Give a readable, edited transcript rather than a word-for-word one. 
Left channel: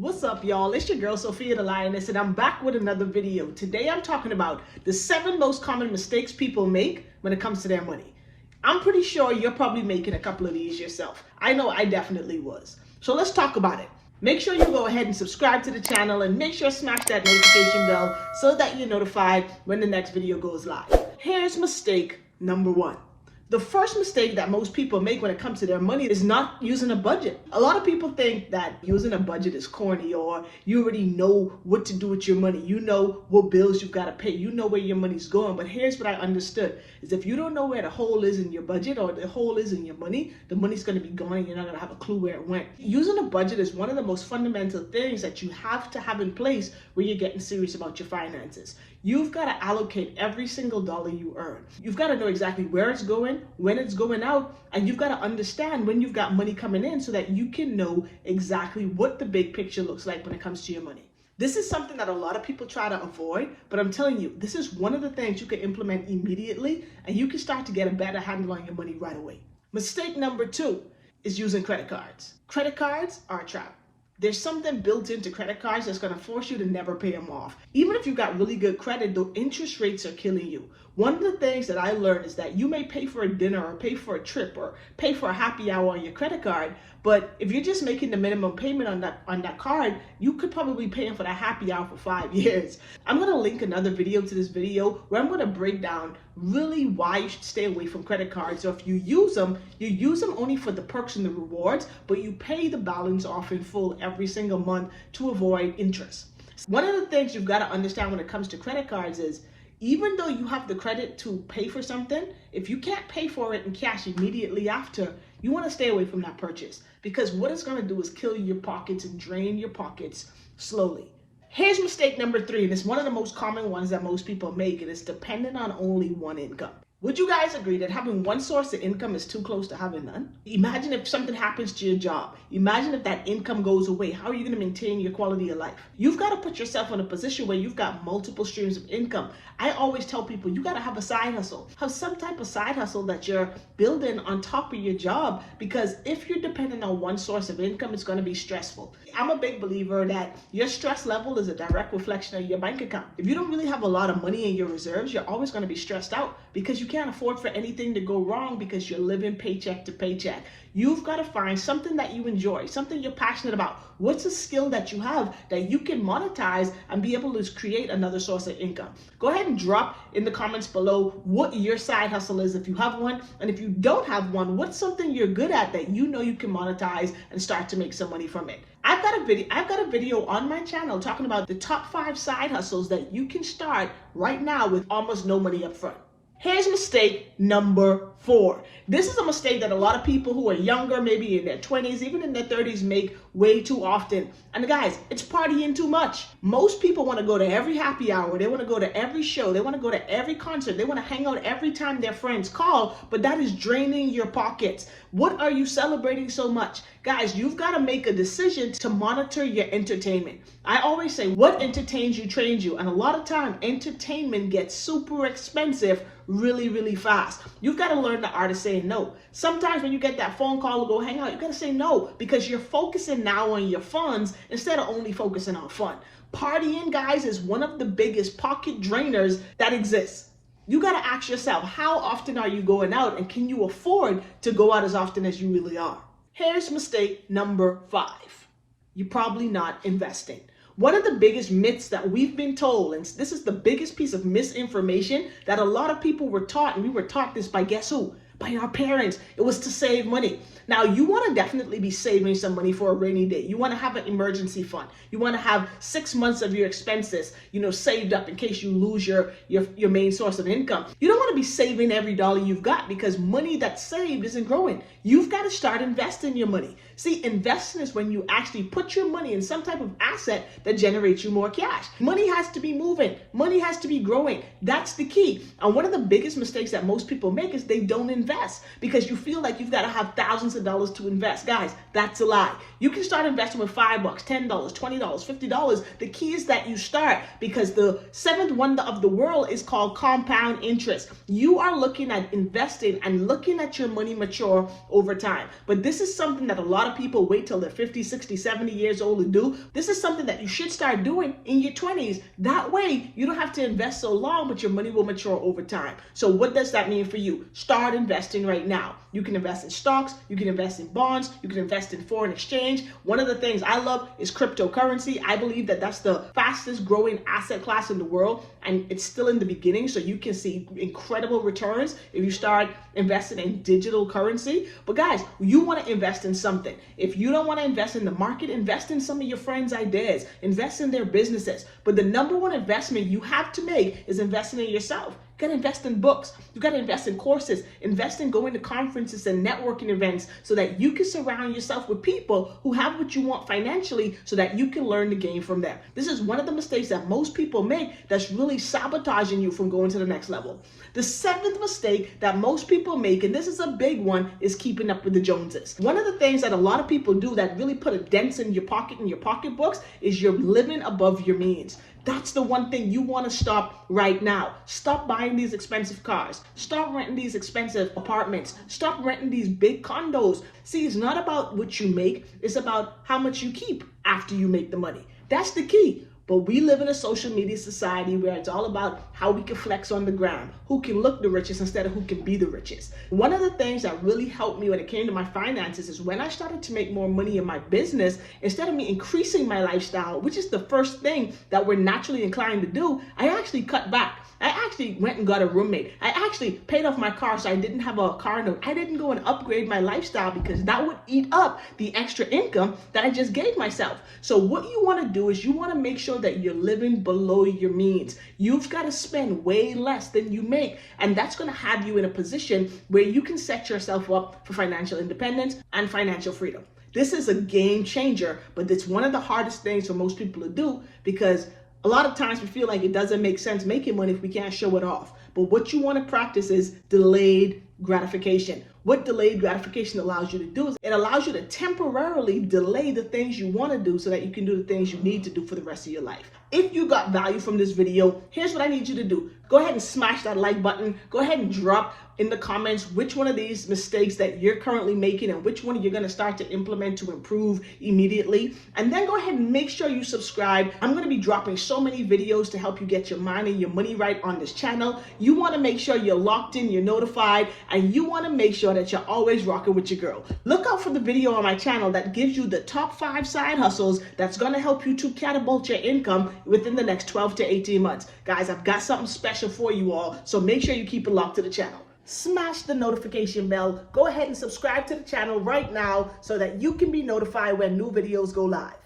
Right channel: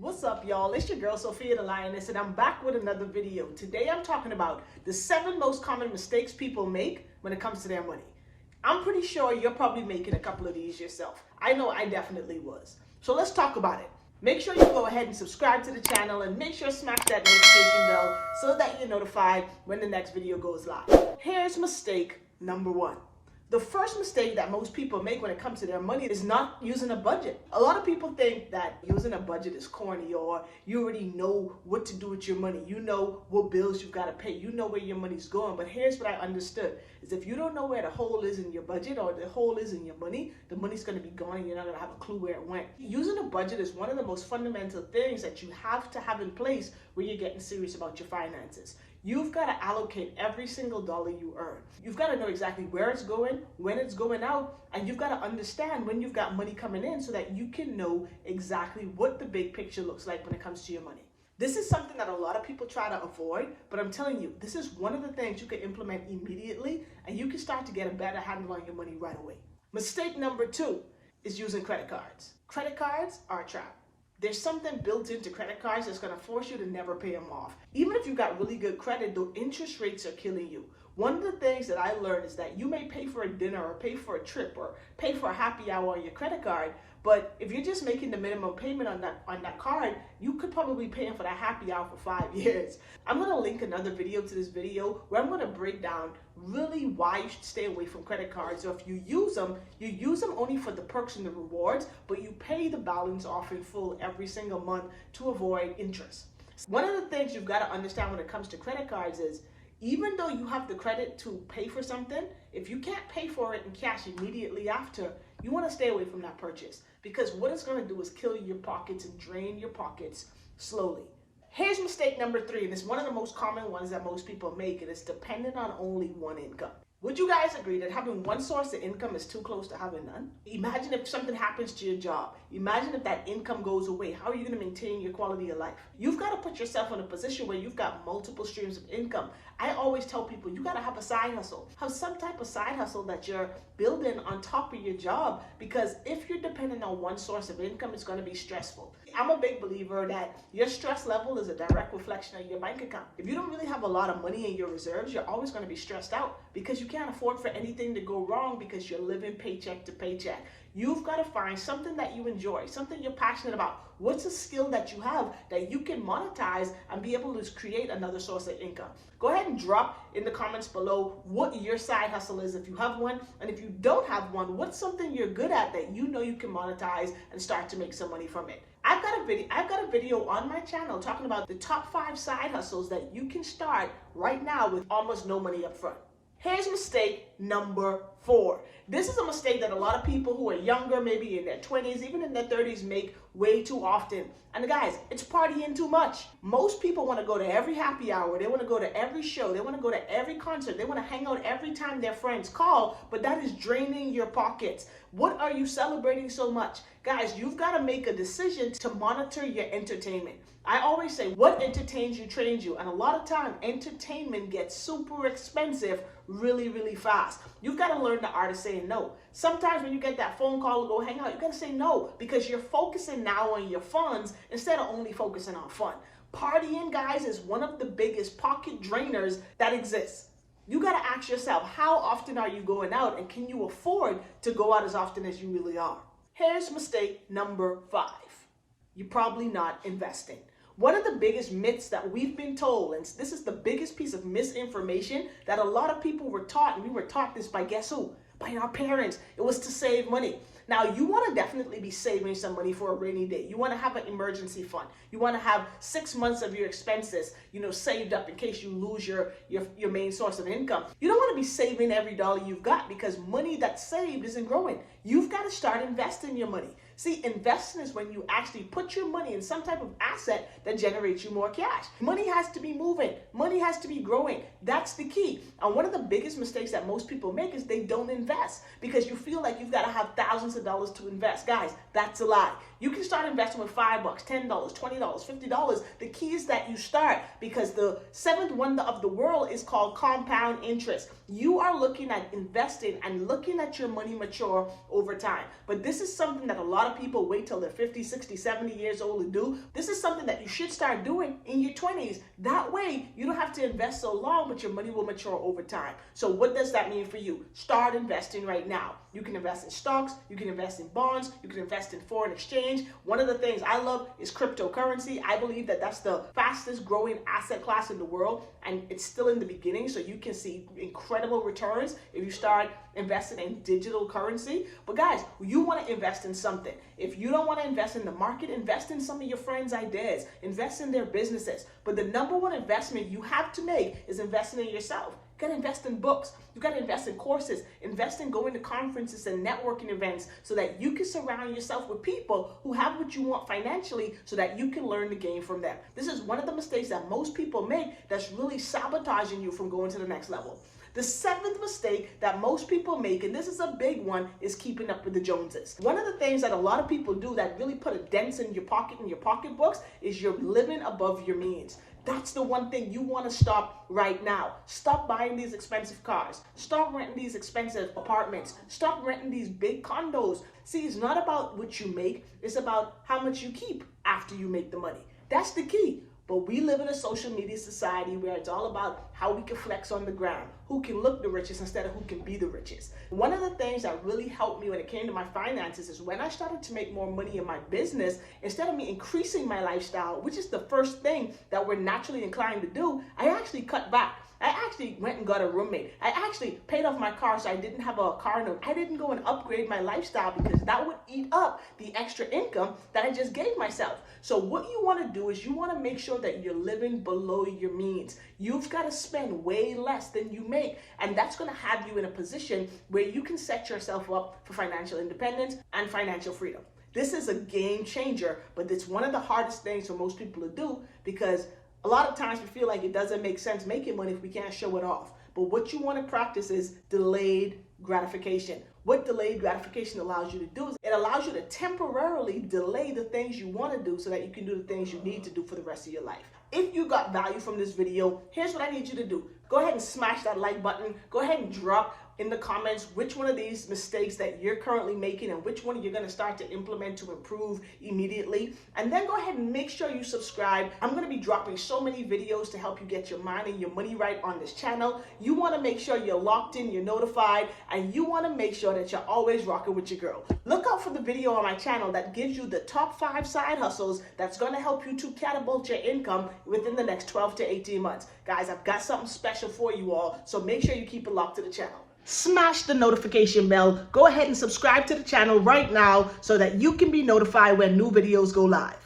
What's up, y'all? It's your girl Sophia the Lioness, and I'm back with another video. Today I'm talking about the 7 most common mistakes people make when it comes to their money. I'm pretty sure you're probably making a couple of these yourself. I know I definitely was. So let's talk about it. Make sure you go ahead and subscribe to the channel and make sure to smash that notification bell so that you're notified when the next video goes live. Here's mistake number 1. The first mistake that most people make when it comes to their money is not using a budget. A lot of people think that using a budget is corny, or you already know what to do with your money. You know what bills you've got to pay. You know where your money's going. But here's what I understood is if you don't know where the hole is in your budget or the hole is in your money, the money's going to be gone and you're not going to have a clue where it went. Using a budget is one of the most fundamental things that you have to have in place when you're getting serious about your finances. You've got to allocate every single dollar you earn. You've got to know exactly where it's going, when it's going out, and you've got to understand when you've got money coming in so that you can know exactly what the big picture looks like when it comes to your money. This is something that a lot of people try to avoid, but I'm telling you, this is one of the things you can implement immediately, and you can start to get a better handle on your money right away. Mistake number 2 is using credit cards. Credit cards are a trap. There's something built into credit cards that's going to force you to never pay them off. Even if you've got really good credit, the interest rates are killing you. One of the things that I learned is that you may pay for a dinner or pay for a trip or pay for a happy hour on your credit card, but if you're just making the minimum payment on that card, you could probably be paying for that happy hour for 5 years. I'm going to link another video to this video where I'm going to break down really why you should stay away from credit cards. So if you use them only for the perks and the rewards, but you pay the balance off in full every single month to avoid interest. One of the things you've got to understand when it comes to credit cards is even though you have the credit to pay for something, if you can't pay for it in cash immediately after, you want to stay away from that purchase, because what it's going to do is kill your pockets and drain your pockets slowly. Here's mistake number 3, and it's one of the most common ones that most people make, and it's dependent on only one income. Would you guys agree that having one source of income is too close to having none? Imagine if something happens to your job. Imagine if that income goes away. How are you going to maintain your quality of life? You've got to put yourself in a position where you've got multiple streams of income. I always tell people you got to have a side hustle. Have some type of side hustle that you're building on top of your job, because if you're dependent on one source of income, it's going to be stressful. I'm a big believer that your stress level is a direct reflection of your bank account. If you don't really have a lot of money in your reserves, you're always going to be stressed out because you can't afford for anything to go wrong because you're living paycheck to paycheck. You've got to find something that you enjoy, something you're passionate about. What's a skill that you have that you can monetize and be able to create another source of income? Go ahead and drop in the comments below what your side hustle is if you have one. And if you don't have one, what's something you're good at that you know you can monetize and start to make some money from it? I've got a video on my channel talking about the top 5 side hustles that you can start right now with almost no money up front. Here's mistake number 4. This is a mistake that a lot of people who are younger, maybe in their 20s, even in their 30s, make way too often. And guys, it's partying too much. Most people want to go to every happy hour. They want to go to every show. They want to go to every concert. They want to hang out every time their friends call, but that is draining your pockets. What are you celebrating so much? Guys, you've got to make a decision to monitor your entertainment. I always say what entertains you trains you. And a lot of time, entertainment gets super expensive really, really fast. You've got to learn the art of saying no. Sometimes when you get that phone call to go hang out, you got to say no because you're focusing now on your funds instead of only focusing on fun. Partying, guys, is one of the biggest pocket drainers that exists. You got to ask yourself, how often are you going out, and can you afford to go out as often as you really are? Here's mistake number 5. You're probably not investing. One of the biggest myths that we've been told, and this is the biggest piece of misinformation that a lot of people were taught, and we were taught this by guess who? By our parents. It was to save money. Now, you want to definitely be saving some money for a rainy day. You want to have an emergency fund. You want to have 6 months of your expenses, saved up in case you lose your main source of income. You don't want to be saving every dollar you've got because money that's saved isn't growing. You've got to start investing your money. See, investing is when you actually put your money in some type of asset that generates you more cash. Money has to be moving. Money has to be growing. That's the key. And one of the biggest mistakes that most people make is they don't invest because you feel like you've got to have thousands of dollars to invest. Guys, that's a lie. You can start investing with $5, $10, $20, $50. The key is that you start, because the 7th wonder of the world is called compound interest. You are looking at investing and looking at your money mature over time. But this is something that a lot of people wait till they're 50, 60, 70 years old to do. This is something that you should start doing in your 20s. That way, you don't have to invest so long, but your money will mature over time. So what does that mean for you? Start investing right now. You can invest in stocks, you can invest in bonds, you can invest in foreign exchange. One of the things I love is cryptocurrency. I believe that that's the fastest growing asset class in the world, and it's still in the beginning, so you can see incredible returns if you start investing in digital currency. But guys, you want to invest in something. If you don't want to invest in the market, invest in some of your friends' ideas, invest in their businesses. But the number one investment you have to make is investing in yourself. You got to invest in books. You got to invest in courses, invest in going to conferences and networking events so that you can surround yourself with people who have what you want financially so that you can learn the game from them. This is one of the mistakes that most people make that's really sabotaging you from going to the next level. The seventh mistake that most people make, and this is a big one, is keeping up with the Joneses. One of the things that a lot of people do that really put a dent in your pocket and your pocketbooks is you're living above your means. That's the one thing you want to stop right now. Stop buying these expensive cars. Stop renting these expensive apartments. Stop renting these big condos. See, it's not about what you make. It's about how much you keep after you make the money. That's the key. But we live in a social media society where it's all about how we can flex on the gram, who can look the richest instead of who can be the richest. One of the things that really helped me when it came to my finances is when I started to make more money in my business, instead of me increasing my lifestyle, which is the first thing that we're naturally inclined to do, I actually cut back. I actually went and got a roommate. I actually paid off my car so I didn't have a car note. I didn't go and upgrade my lifestyle because that would eat up the extra income that I just gave myself. So what you want to do is you want to make sure that you're living below your means. You've got to spend way less than you make, and that's going to have you in a position where you can set yourself up for financial independence and financial freedom. This is a game changer, but it's one of the hardest things for most people to do because a lot of times we feel like it doesn't make sense making money if we can't show it off. But what you want to practice is delayed gratification. What delayed gratification allows you to do is it allows you to temporarily delay the things you want to do so that you can do the things you need to do for the rest of your life. If you got value from this video, here's what I need you to do. Go ahead and smash that like button. Go ahead and drop in the comments which one of these mistakes that you're currently making and which one you're going to start to implement to improve immediately. And then go ahead and make sure you subscribe. I'm going to be dropping so many videos to help you get your mind and your money right on this channel. You want to make sure you're locked in, you're notified, and you want to make sure that you're always rocking with your girl. Look out for the video on my channel that gives you the top 5 side hustles that's going to help you to catapult your income within the next 12 to 18 months. Guys, I've got something special for you all, so make sure you keep it locked to the channel. Smash the notification bell. Go ahead and subscribe to the channel right now so that you can be notified when new videos go live.